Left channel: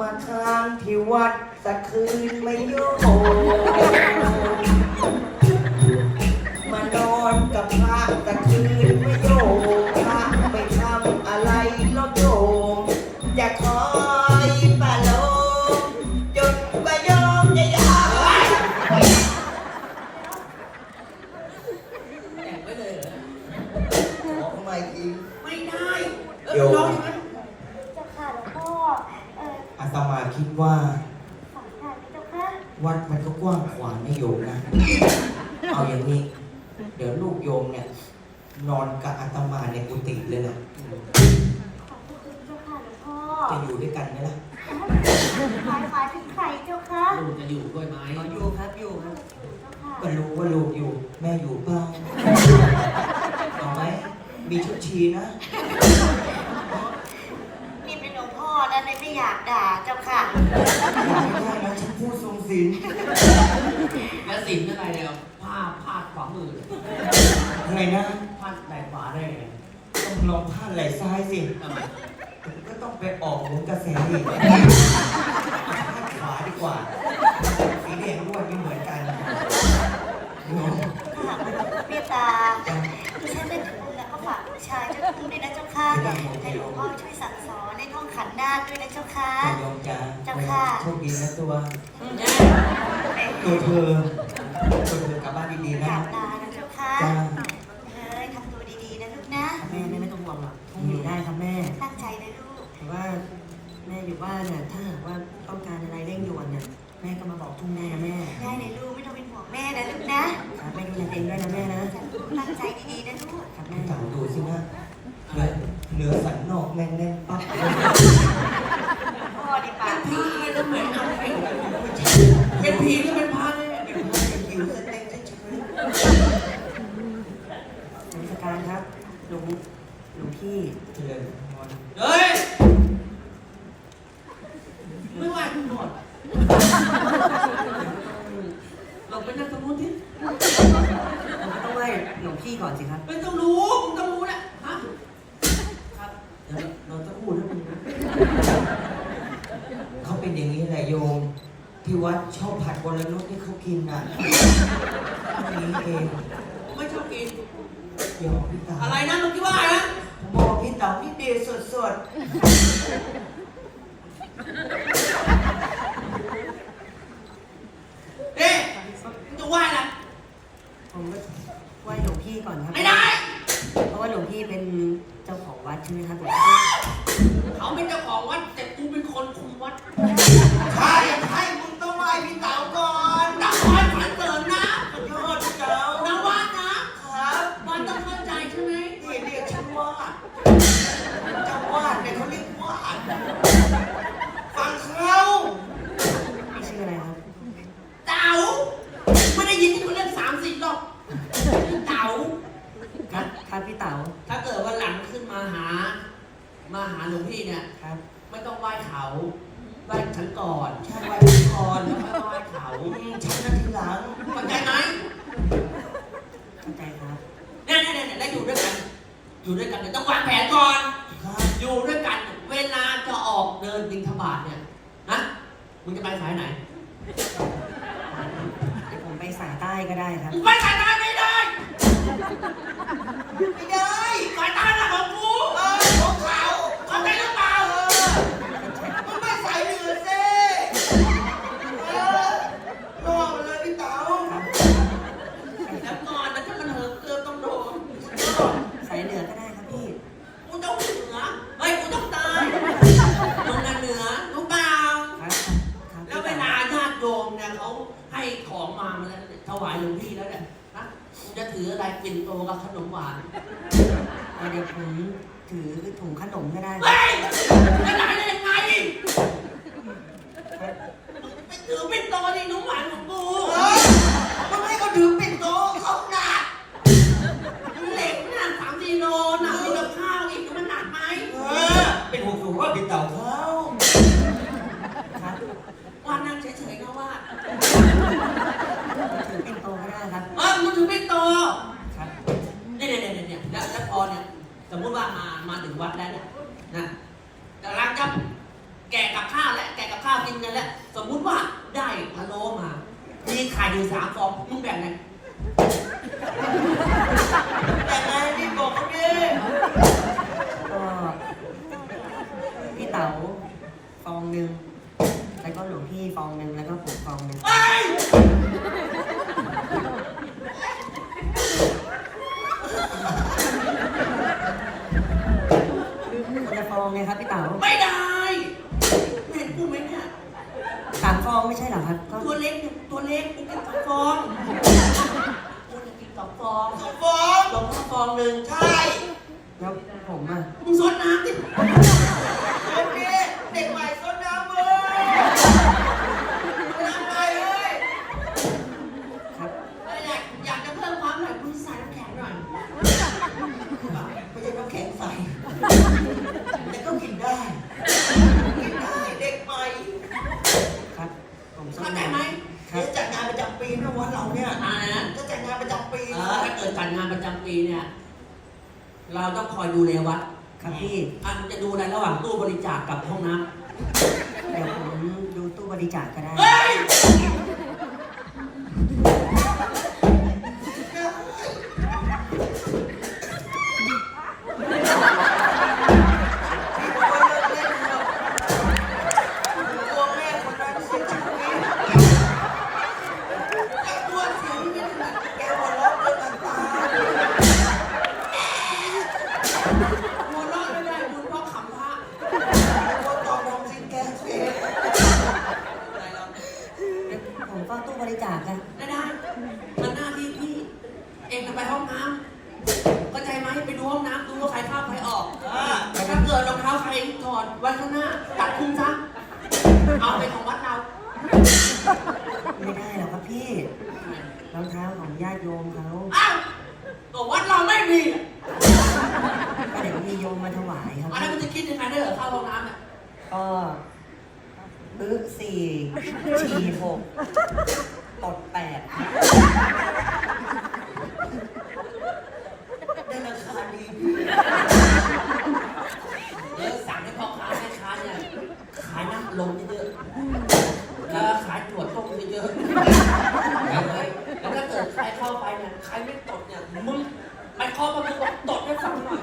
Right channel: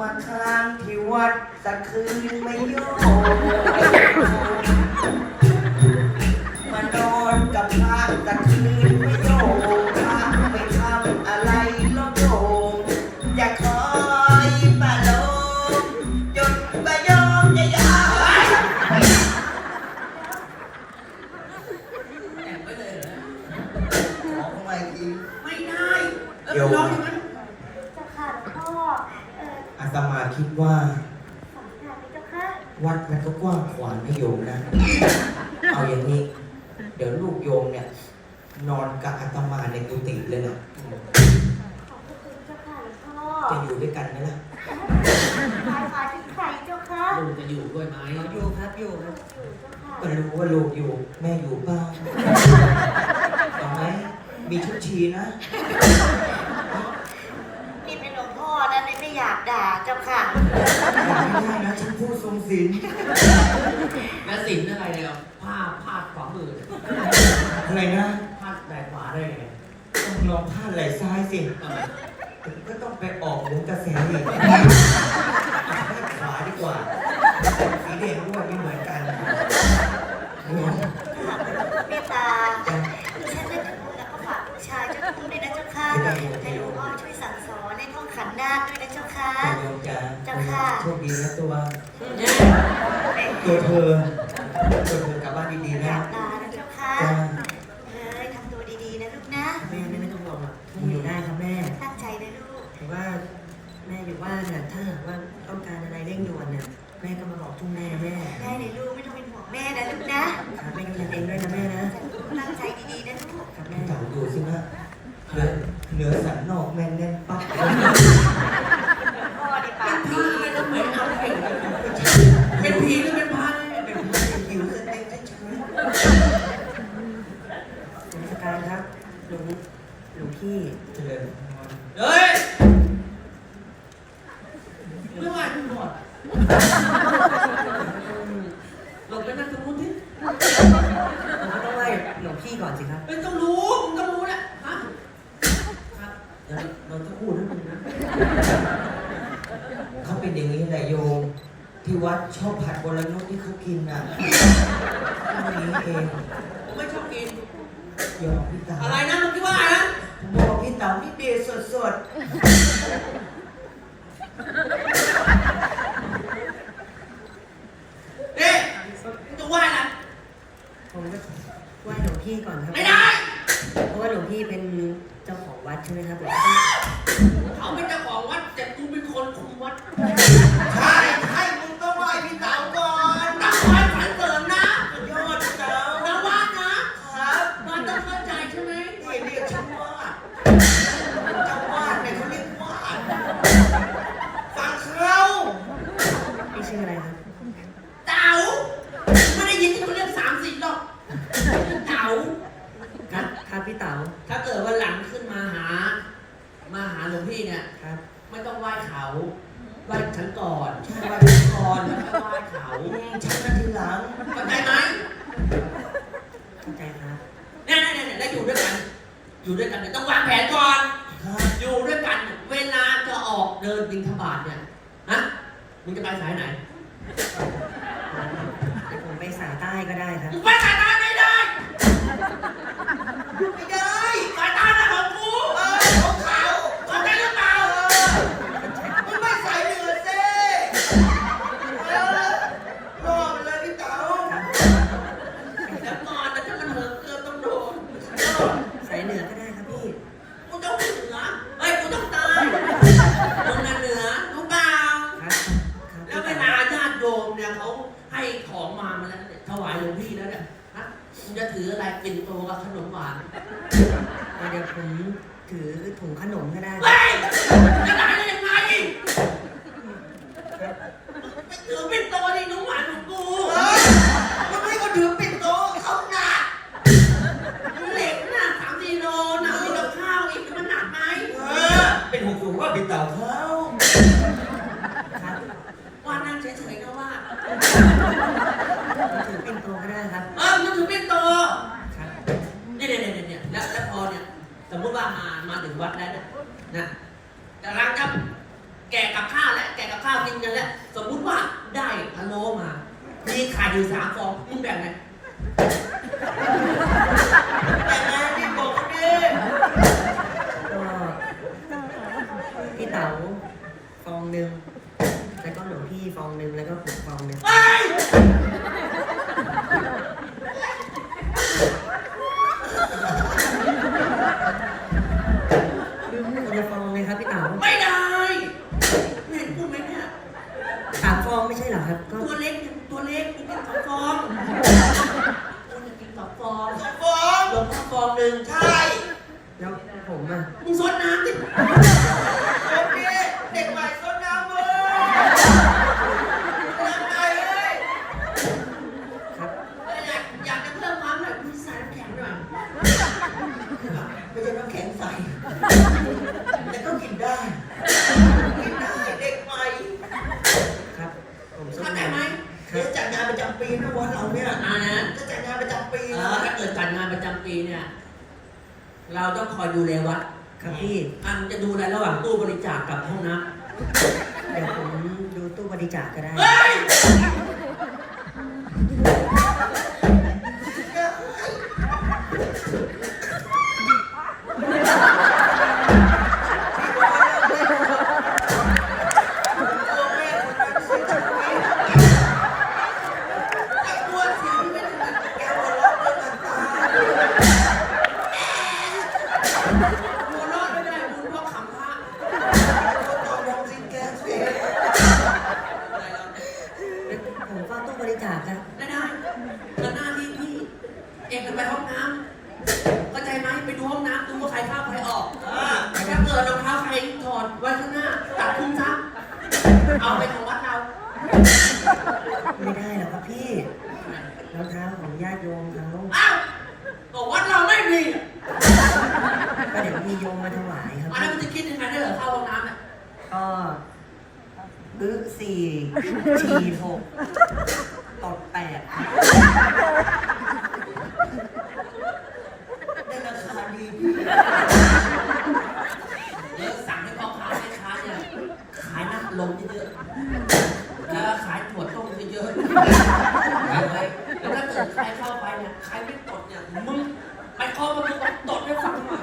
มาค้างที่วัดสักคืนไม่โยมานอนกับพระสักคืนไม่โยมพระไปทำอะไรลดโยมอย่าคอยปาลมจนกว่ายอมจะยาแต่งไว้เลยเหรอขอเข้ามาอีกไม่ได้เออโยมร้องอย่างนั้น เจ้าค่ะหลวงพ่อ เออ อาตมา คิดว่าสำคัญไหมเจ้าค่ะวัดมันก็กว้างขวางนะโยมนะ เอาอย่างนี้ เดี๋ยวลูกโยมเนี่ย นอนกับอาตมาในกุฏิเลยนะขอบคุณเจ้าค่ะหลวงพ่อจะอยู่ด้วยกันไหมล่ะใครมาถึงใครเจ้าค่ะลูกจะอยู่ด้วยไหมอยู่ครับอยู่อยู่เจ้าค่ะก็รู้ว่าลูกอยู่ แม่อยู่บ้านเห็นไหมมีชุดชีนะ นี่เป็นหลวงพ่อนะไม่ไม่อยากด่าเจ้าค่ะ ไม่ได้นะฉันพูดทรง ศีลแล้วสินอะไรเนี่ยผ้าพาดขวามือเนี่ยอะไรนะพาดไหล่ขวาได้ไงต้องลองพาดไหล่ซ้ายสิทำไมก็ต้องไปออกหมุนกระแสอีกพาดขวาดีกว่าสีแดงอ้วนไม่เหมือนกันโยมเมตตาดิฉันได้ถึงแล้วก็ฝากบูชาเจ้าคุณด้วยนะเจ้าค่ะแต่หลวงพ่อช่วยสั่งสอนในท่อง ขันธ์นาคด้วยนะเจ้าค่ะโยมจ้าเจ้าค่ะ โชคดีนะตัวตัวเธอตัวเธอกลับบ้านดีๆอนะยากด่านะเจ้าค่ะ จ้าเอ้ยทำตัวดีๆนะลูกนะ แม่แม่ไม่ต้องห่วงหรอกแม่อยู่ได้ครับแม่ ตั้งใจนะลูก แต่ว่าแม่อยู่บ้านน่ะถ้าหากว่าต้องการอะไรเร่งด่วนน่ะแม่ก็มาบอกทุ่งแม่แม่ได้เลยลูกไม่ต้องเป็นห่วงแม่นะลูกนะครับแม่ดูแลตัวเองด้วยนะแม่นะ ตั้งใจดีๆนะลูก ครับแม่แม่เต่าดูสินะ เหนือเหนือสันนอกแม่งแน่นปั๊บเลยพ่อดีปากผีเลยก็เหมือนเอาไปเป็นผีหรือเป็นพระเนี่ยเป็นเพื่อนเป็นคิวสเต็มเฉยสมการครับหลวงหลวงพี่เจริญพรเฮ้ยไม่ไหวกูหมดเราไปนั่งตรงนู้นที่เราก็ต้องไหว้หลวงพี่ก่อนสิครับเป็นต้องรู้มึงต้องรู้แหละฮะครับ เดี๋ยวเราจะพูดให้มึงนะเขาเป็นอย่างนี้แหละโยม ที่วัดชอบผัดบรนุษที่เขากินอะ นี่เองผมไม่ชอบกินยอมพี่เต๋าอะไรนะมึงคิดว่าอะไรนะผมบอกพี่เต๋านี่เดชสดเพี่เนี่ยครับ ไม่ต้องไหว้เขาไหว้ฉันก่อนใช่ไหว้พี่ก่อนแล้วค่อยไหว้เขาอืมฉันก็ทีหลังเข้าใจไหมเข้าใจครับเนี่ยเนี่ยเนี่ยแล้วอยู่ด้วยกัน อยู่ด้วยกันเนี่ยต้องวางแผนก่อน ครับ อยู่ด้วยกันเนี่ยเวลาจะออกเดินบินทบาทเนี่ยนะมึงจะไปสายไหนเดี๋ยวผมไปสายใต้ก็ได้ครับ มึงไปสายใต้ไม่ได้ ไม่ได้ แล้วเนี่ยถวายหลวงพี่แล้วเนี่ยนะมึงจะถืออะไรปิ่นโตกับขนมหวานเดี๋ยวผมถือถุงขนมก็ได้ครับเฮ้ยจะได้ได้ยังไงไปถือปิ่นโตนี่หนุ่มหวานของกู เฮ้ยมันไม่ก็ถือปิ่นโตเขาหนัก เหล็กน่ะสามสี่โลหนักมีกับข้าวอีกมันหนักไหม เออเป็นห่วงอยู่ว่าพี่เต๋าเขา ครับ ว่านั่งเฉยๆนะว่า ถือปิ่นโตก็ได้ครับ เออมันถือปิ่นโต ครับ เนี่ยเนี่ยเนี่ยเนี่ยแล้วแล้วพอเนี่ยสมมติว่ามามา ถึงวัดแล้วนี่ยนะกำลังจะแกะกับข้าวแล้วแกะกับข้ากินกันแล้ว สมมติว่าได้พะโล้มา มีไข่อยู่สามฟองมึงแบ่งไงแต่งงานที่บอกเขาดิก็พี่เต๋าฟองหนึ่งแล้วก็หลวงพี่ฟองหนึ่งแล้วก็ผมฟองหนึ่ง ไป คนละฟองเลยครับพี่เต๋า ไม่ได้ เห็นกูไหมเนี่ย สามฟองไม่ใช่เหรอครับ ก็ ตัวเล็กเนี่ยตัวเล็กกูกินสองฟองกูจะกินสอง ฟองสองฟองหลวงพ่อฟองหนึ่งใช่แล้วผมอะมึงซดน้ำดิเด็กนี้เด็กใหม่ต้นน้ำมือน้ำใหม่เลย ครับ เอ้ยอยากอยากจะเพิ่มความหน่อยคุณใส่น้ำแข็งหน่อย ไม่ใช่น้ำแข็งใสแต่ก็กินได้ กินได้เด็กใหม่ ครับ ผมส้ม เข้าใจไหม ครั เดี๋ย บ ว จัดงานประจำปีนะวันเราเนี่ยอ่านะจะจัดงานประจำปีเอนะอถ้าเกิดจัดงานประจำปีเนี่ย เราต้องคอยดูแลวัดครับพี่อันจะดูอะไรระหว่างตู้บริจาคกับห้องน้ำเดี๋ยวผมดูตู้บริจาคก็ได้เฮ้ย อดไว้ข้างหน้าตัดคุ้มซะเอาไปของวัดเราไม่ได้หรอกครับพี่รองเท้าของญาติโยมเขาอ้าวก็วัดเราไม่มีก็เดี๋ยวมีโยมมาถวายครับอันนั้นมันจะคิดยังไงได้เหรอเข้าห้องน้ำเนี่ยก็บึกสี่ฉี่หกตดแปดได้ราคาดี เดี๋ยวสั่งให้พ่อค้าแม่ค้าเนี่ยขายน้ำลมเยอะๆแล้วขายถั่วต้มเยอะๆไปเลยแล้วถ้าเกิดใครเข้าไปเนี่ยใครไม่ตดเนี่ยมึงไปเคาะประตูบอกตดให้ฟังหน่อย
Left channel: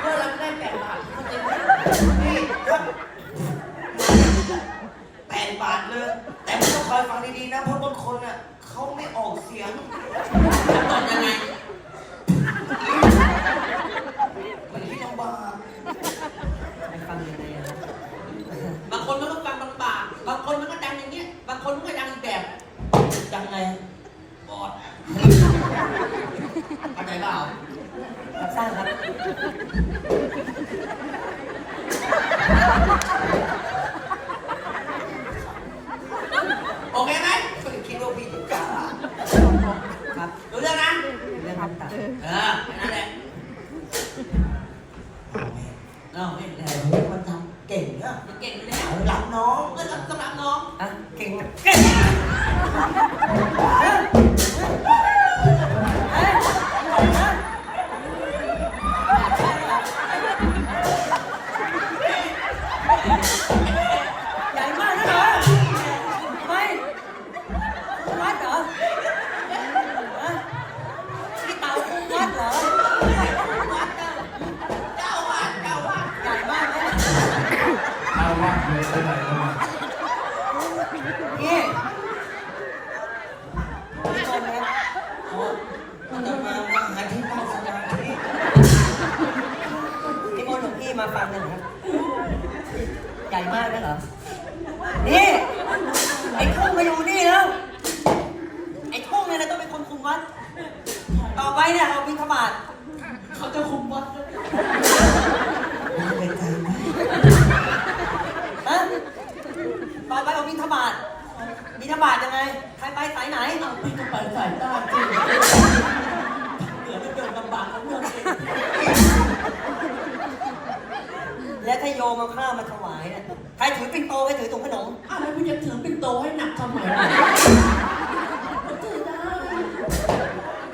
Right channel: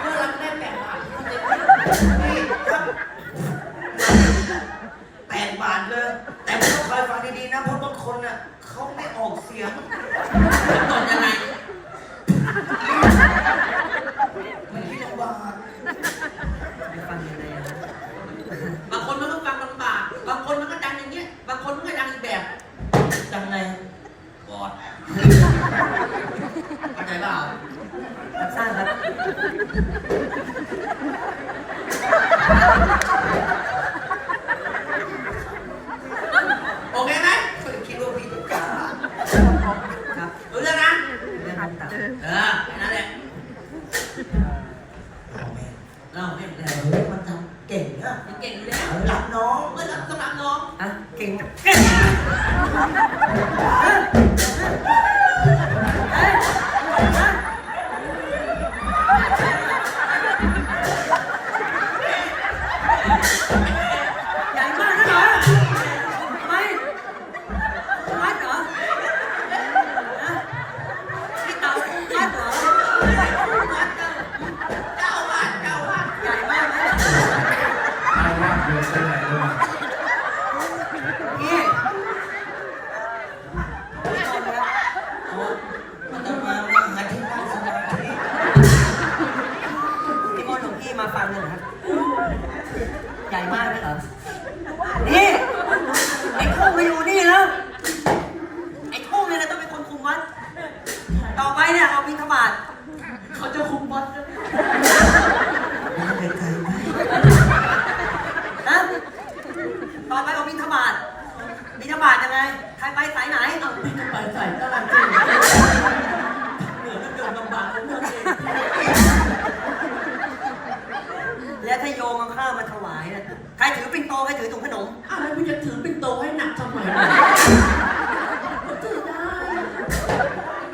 เพื่อเราได้แบ่งบาทเข้าใจไหม นี่ครับแปดบาทเลย แต่ไม่ต้องคอยฟังดีๆนะเพราะบางคนน่ะเขาไม่ออกเสียงตดยังไงมันคิดลำบากไปฟังยังไงอะครับบางคนมันก็ฟังลำบากบางคนมันก็ดังอย่างเงี้ย บางคนมันก็ดังอีกแบบยังไงบอดเข้าใจเปล่ารับทราบครับ มันจะมาหาที่นั่งสมาธิพี่มนต์หลวงพี่มาฟังหน่อยครับ ใหญ่มากนะเหรอ นี่ ไอ้ทุ่งมาอยู่นี่แล้ว ไอ้ทุ่งเนี่ยนะต้องเป็นคนคุมวัด ต่อไปเนี่ยเอาบิณฑบาตเขาจะคุมวัดนะไม่ไปไกลไหมนะต่อไปเอาบิณฑบาต บิณฑบาตยังไง ใครไปสายไหนเอาพี่จะไปใส่ตลาดจริงเหมือนจะเดินลำบากของเมืองเองและถ้าโยมเอาข้าวมาถวายเนี่ยใครถือปิ่นโตใครถือถุงขนม อ้าวแล้วพี่จะถือเป็นโตให้หนักทำไมล่ะก็ถือได้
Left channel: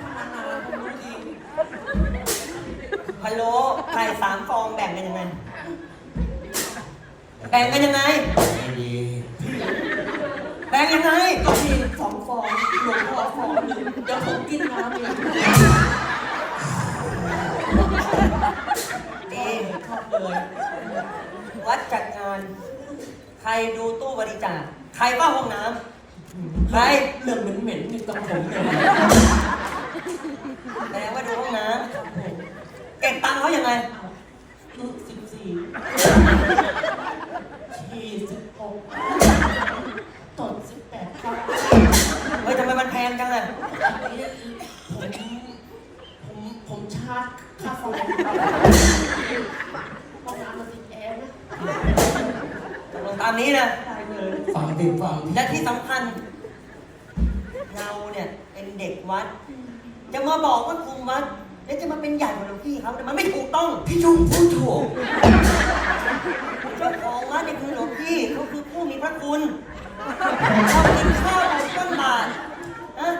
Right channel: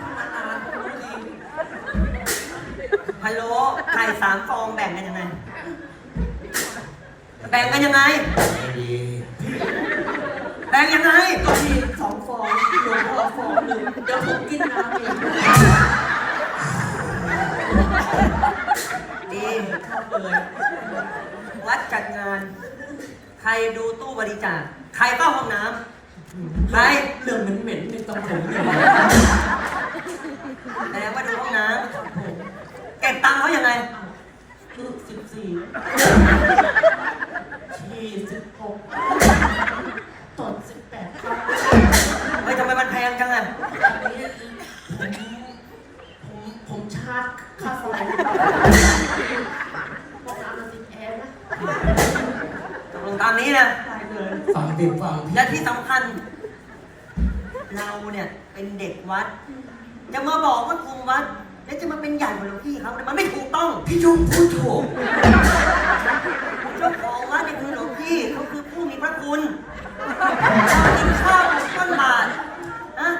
ทำนานๆผมรู้ดีพะโล้ไข่สามฟองแบ่งกันยังไง แบ่งกันยังไง ไม่ดี แรงยังไงก็มีสองฟองหลวงพ่อฟองหนึ่งเดี๋ยวผมกินน้ำเองดีเข้าเลย วัดจัดงาน ใครดูตู้บริจาค ใครเป้าห้องน้ำใครเรื่องเหม็นๆนี่ต้องผมเลยแสดว่าดูห้องน้ำเก็บตังค์เขายังไงสิบสี่ยี่สิบหก งจังอะอันนี้ผมผมผมชาร์จค่าไฟพวกน้ำมันติดแอร์นะตกลงตามนี้นะได้เลยฟังติดฟังและที่สำคัญ เราเนี่ยเป็นเด็กวัด จะมาบอกว่าคุมวัด แล้วจะมาเป็นใหญ่กว่าหลวงพี่เขาเนี่ยมันไม่ถูกต้อง พี่ชุ่มพูดถูกเจ้าของวัดเนี่ยคือหลวงพี่เขาคือผู้มีพระคุณชอบกินข้าวบนต้นบาท นะ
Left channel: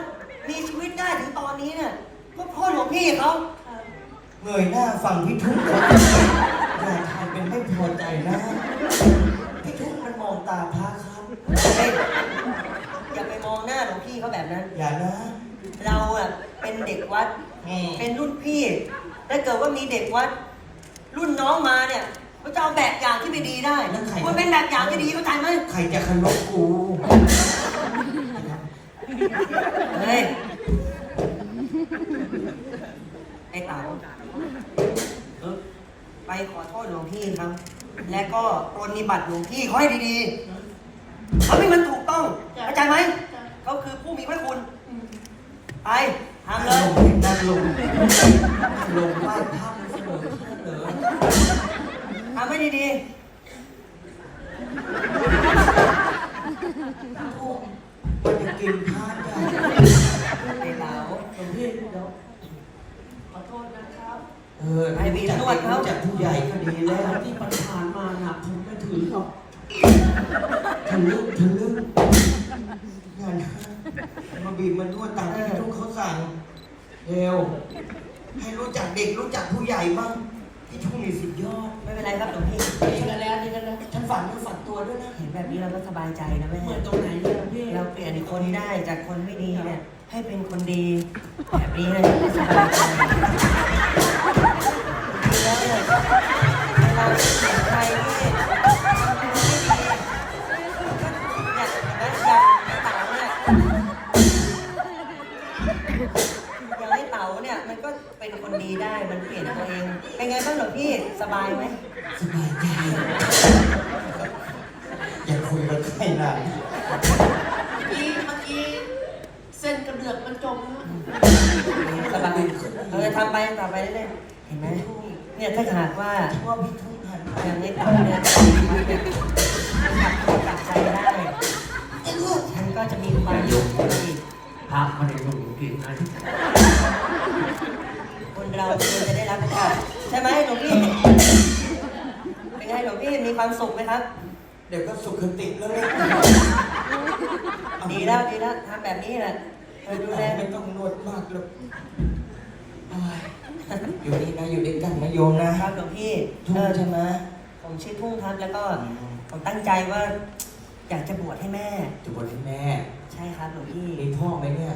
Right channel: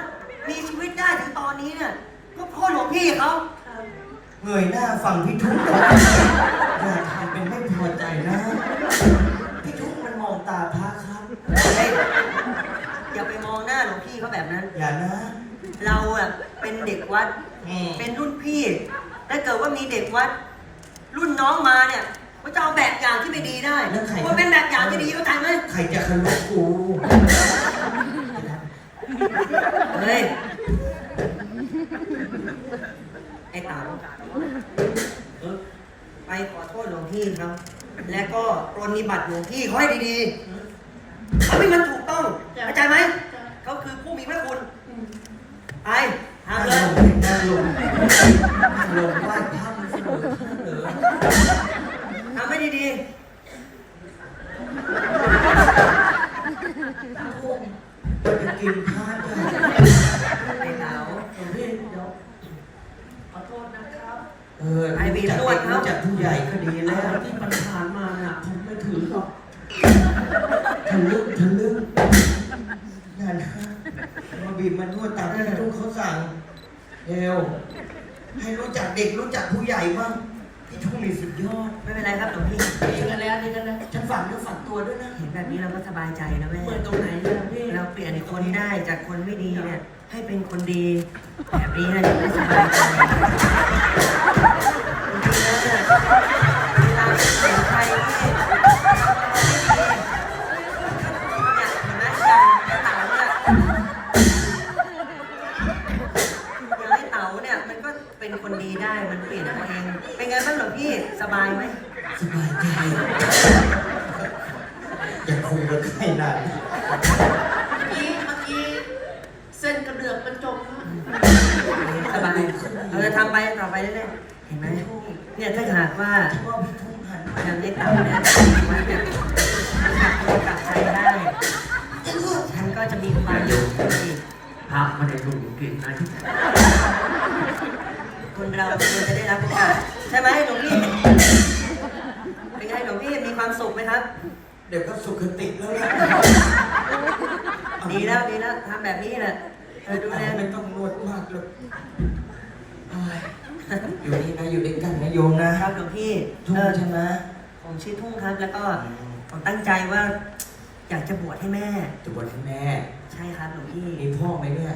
มีชีวิตได้ถึงตอนนี้เนี่ยก็เพราะหลวงพี่เขาเงยหน้าฟังพี่ทุ่งเขาอย่าทำเป็นไม่พอใจนะ พี่ทุ่งมันมองตาพระครับเฮ้ยอย่าไปมองหน้าหลวงพี่เขาแบบนั้น อย่านะเราอะเป็นเด็กวัดอืมเป็นรุ่นพี่ ถ้าเกิดว่ามีเด็กวัด รุ่นน้องมาเนี่ยเขาจะเอาแบบอย่างที่ไม่ดีได้คุณเป็นแบบอย่างที่ดีเข้าใจไหมใครจะเคารพกู เฮ้ย ไอ้เต๋าเออไปขอโทษหลวงพี่ครับ และก็ปรนนิบัติหลวงพี่เขาให้ดีๆเขาไม่มันถูกต้องเข้าใจไหม เขาคือผู้มีพระคุณ ไปทำนั่งเลยลงนั่งลงนั่งลงไหว้พระมันเสมอท่านเหรอ ทำให้ดี จะ กินพระได้ๆไอ้เต๋าหลวงพี่เดี๋ยวขอโทษนะครับ เออรู้จักเด็กรู้จักผู้ใหญ่ก็ดีแล้วที่มันผ่านมาน่ะผมไม่ถือหรอกทะลึ่งทะลึ่งอย่านะมาบีบมานวดตามที่ทุกเขาสั่งเอวให้รู้จักเด็กรู้จักผู้ใหญ่บ้างพี่ทุ่งนี่สุดยอดไม่เป็นไรครับหลวงพี่ดีกันแล้วดีกันแล้วฉันฝันเนื้อฝันตัวด้วยนะ เห็นแบบนี้เราก็สบายใจนะแม่เหมือนตรงไหนเนี่ย คนได้จากคนไม่ดีเนี่ยให้เป็นคนดี แบบนี้นะจะได้สบายใจจริงๆแล้วเนี่ยเวลาเห็นใครที่เนี่ยเห็นไหมอย่างไอ้เต๋าเนี่ยอย่างไอ้เต๋าเนี่ยมันก็เป็นคนดีได้มันเปลี่ยนตัวเอง เป็นไงบ้างหรอพี่สบายไหม สบายใจอย่าคุยกับใครนะ เมื่อกี้เมื่อกี้ เส้นกระเดือกมันจมนะสบายเราจะทำไปต่อไปเรื่อยๆเห็นไหมเนี่ยถ้าหากว่าว่าพี่ทุ่งหันอย่างในเต่าเนี่ยมันเนี่ยมันกลับตัวกลับใจได้ฉันก็จะมีความสุขอีกพระไม่ได้ดูกินนะคนเราควรจะได้รับโอกาสใช่ไหมหลวงพี่เป็นไงหลวงพี่มีความสุขไหมครับ เดี๋ยวก็สุขติแล้วเนี่ยดีแล้วดีแล้วทำแบบนี้แหละ เออดูแล ไม่ต้องนวดมากหรอกโอ้ยอยู่นี่นะอยู่ด้วยกันนะโยมนะ ครับหลวงพี่ทุ่งเออใช่ไหม ผมชื่อทุ่งครับ แล้วก็อืม ผมตั้งใจว่า อยากจะบวชให้แม่ จะบวชให้แม่ ใช่ครับหลวงพี่ มีพ่อไหมเนี่ย